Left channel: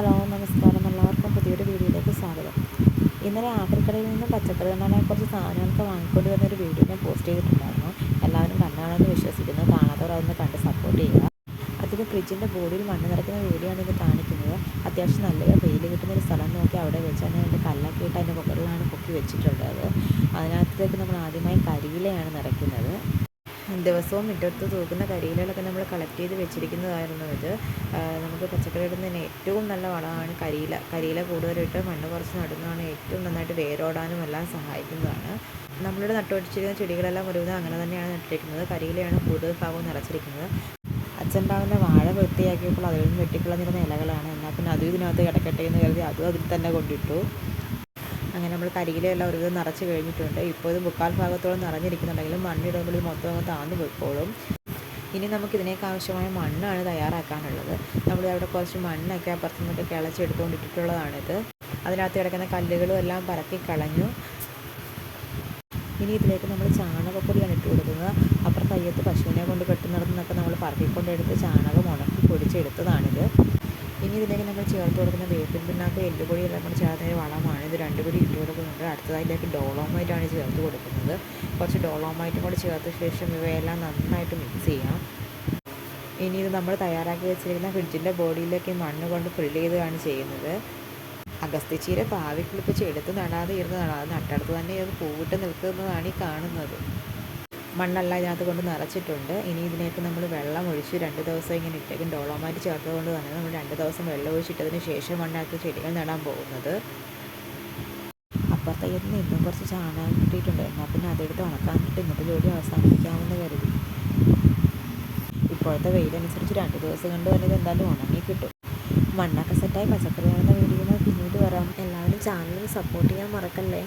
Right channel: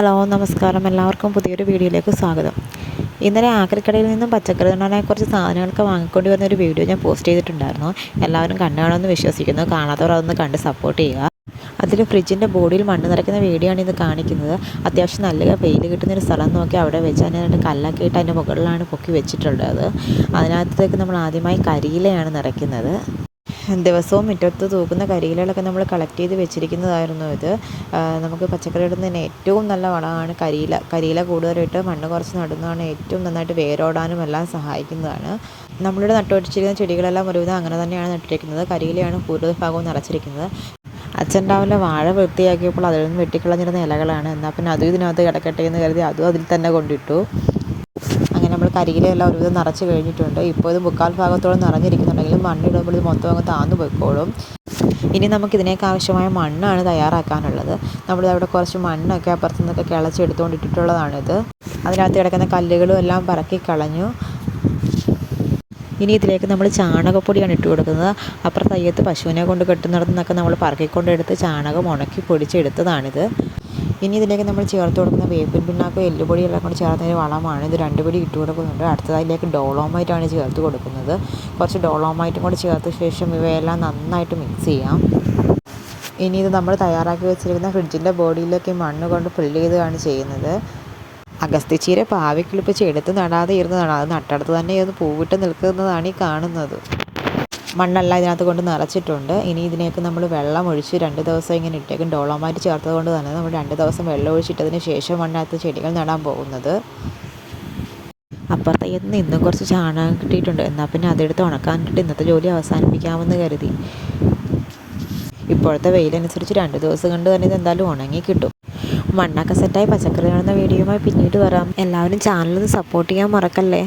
Hello നമസ്കാരം, എല്ലാവർക്കും പുതിയൊരു വീഡിയോയിലേക്ക് സ്വാഗതം. ഇന്നലെ ആക്രിക്കടയിൽ നിന്നും പച്ചക്കറി തൊണ്ടാനായി കുറച്ച് സാധനങ്ങളൊക്കെ വാങ്ങിക്കൊണ്ട് വന്നൊരു വീഡിയോ ഞാൻ പോസ്റ്റ് ചെയ്തിട്ടുണ്ടായിരുന്നു. എല്ലാവരും കണ്ടാണെന്ന് വിശ്വസിക്കുന്നു. കാണാത്തവർ അതൊന്ന് കണ്ട് സപ്പോർട്ട് ചെയ്യുക. അതിൽ ഫ്രിഡ്ജിൻ്റെ ബോഡിയിൽ മണ്ണ് നിറയ്ക്കുന്ന വീഡിയോ ആണ് ഇത് കാണിക്കുന്നത്. അത്യാവശ്യം നല്ല വെയിൽ കിട്ടുന്നൊരു സ്ഥലം നോക്കി അവിടെ വെച്ച് അതിനായിട്ട് കല്ലൊക്കെ ഇട്ട് അതിൻ്റെ മുകളിലാണ് പൊക്കി വെച്ചിട്ടുള്ളത്. അതിനകത്തേക്ക് നമ്മൾ ആദ്യമായി കരിയിലയാണ് നിറയ്ക്കുന്നത്. ദിവസവും മുറ്റത്ത് തൂക്കുന്ന കരിയിലകളൊക്കെ നമ്മൾ കളക്ട് ചെയ്ത് വെച്ചിരിക്കുന്നതായിരുന്നു ഇത്. നമുക്ക് പച്ചക്കറി ഇടുന്നതിന് ഏറ്റവും നല്ല വളമാണ് കരിയില കൂടുതലിട്ട് മണ്ണ് കുറച്ച് നടുന്നതാണ് ഏറ്റവും നന്നായിട്ട് വേരോടാനും എല്ലാം സഹായിക്കുന്നതാണ്. നമ്മളിവിടെ നട്ടുവെച്ചിരിക്കുന്ന ചെടികളെല്ലാം ഒരുവിധം അങ്ങനെ തന്നെയാണ് നട്ടിരിക്കുന്നത്. കരിയിലയാണ് കൂടുതൽ ഭാഗവും നിറച്ചിരിക്കുന്നത്. അച്ഛൻ രാവിലെ വാഴ വൃത്തിയാക്കിയപ്പോൾ അതിൽ നിന്ന് വെട്ടിക്കളഞ്ഞിരുന്ന ഇലകളാണ്. എന്നാൽ പിന്നെ അതും ഇതിനകത്ത് കിടക്കട്ടെ എന്ന് കരുതി അതും അതിൽ തന്നെ കൊണ്ടിട്ടു. അങ്ങനെ നമ്മൾ കരിയിലെല്ലാം ഒരുവിധം നിറച്ച് കഴിഞ്ഞിട്ടുണ്ട്. ഇപ്പോൾ ഇത് മുക്കാൽ ഭാഗത്തോളം നിറഞ്ഞിരിക്കുന്നുണ്ടെങ്കിലും മണ്ണിടുമ്പോൾ ഇത് മൊത്തം അങ്ങ് താന്നു പോയിക്കോളും. ഇനി നമുക്കിതിനേക്ക് ആവശ്യമായ മണ്ണാണ് തയ്യാറാക്കാനുള്ളത്. നമ്മളിതവിടെ കുറച്ച് മണ്ണൊക്കെ അപ്പുറത്തു നിന്നൊക്കെ കിളച്ചെടുത്തുകൊണ്ടിട്ടിട്ടുള്ളതാണിത്. അതിനകത്ത് കിടക്കുന്ന കല്ലുകളും എല്ലാം പറക്കി കളഞ്ഞു. ഇനി ഇതിലേക്ക് നമ്മൾ ചാണകപ്പൊടിയാണ് ഇട്ട് കൊടുക്കുന്നത്. അപ്പുറത്ത് അയ്യത്ത് പശുവിനെ കൊണ്ട് കെട്ടുന്നിടത്തുനിന്നൊക്കെ നമ്മൾ പറക്കിക്കൊണ്ടെടുത്ത് ചാണകം ഉണക്കി പൊടിച്ചെടുത്തതാണിത്. ഇനി ഇതിലേക്ക് നമ്മൾ ചേർത്ത് കൊടുക്കുന്ന വേപ്പിൻ പിണ്ണാക്കും എല്ലുപൊടി എല്ലാം കൂടി ചേർന്നൊരു വളമാണ്. ഇത് 2 പൊടി ഇട്ട് കൊടുക്കുന്നുണ്ട്. അടുത്തതിലേക്ക് ഡോളോമൈറ്റാണ് ചേർത്ത് കൊടുക്കുന്നത്. കുറച്ച് ഡോളോമൈറ്റും കൂടി ചേർത്ത ശേഷം ഇവയെല്ലാം നന്നായിട്ട് മിക്സ് ചെയ്യാം. ഇനി ഇത് നമ്മൾ തയ്യാറാക്കി വെച്ചിരിക്കുന്ന ഫ്രിഡ്ജിൻ്റെ ബോഡിയിലേക്ക് മണ്ണ് കൊണ്ട് ഫില്ല് ചെയ്താണ് ചെയ്യുന്നത്. അഗസ്ത്യച്ചീര പാവിക്കിളിപ്പിച്ച് എടുത്ത് നടാതെ ഇരുന്നതാണ്. അത് നട്ടടുത്ത് തന്നെ ഇത് പൂവിട്ട് നിൽക്കുന്നതാണ് ഈ കാണുന്നത്. മണ്ണെല്ലാം ഇതിനകത്ത് കൊണ്ട് നിറച്ചിട്ടുണ്ട്. ഇനി ഇതിനേക്ക് നമ്മൾ വെള്ളം ഒഴിച്ച് 2 ദിവസം ഇങ്ങനെ ഇട്ടേക്കും. ഡോളോമൈറ്റ് ചേർത്തത് കൊണ്ട് തന്നെ നമ്മൾ 2 ദിവസം വെള്ളം ഒഴിച്ചിട്ടതിന് ശേഷം മണ്ണകത്ത് ചെടികൾ നടാൻ പോകുന്നത്. അപ്പുറത്തെ ഇന്നും കുറച്ച് ചാണകം കിട്ടിയിട്ടുണ്ട്. എന്നാൽ പിന്നെ അതെടുത്ത് ഉണക്കാനിട്ട് ഇന്നത്തെ ജോലി അവസാനിപ്പിക്കാമെന്ന് കരുതി. ഇപ്പോഴത്തെ വെയിലനുസരിച്ച് 2 ദിവസം കൊണ്ട് തന്നെ ഇത് എന്തായാലും ഉണങ്ങി കിട്ടും. മണ്ണൊക്കെ സെറ്റായി പച്ചക്കറി നടുന്ന വീഡിയോയുമായി പിന്നീട് വരാം. എല്ലാവരും ചാനലൊന്ന് സപ്പോർട്ട് ചെയ്യാൻ മറക്കല്ലേ.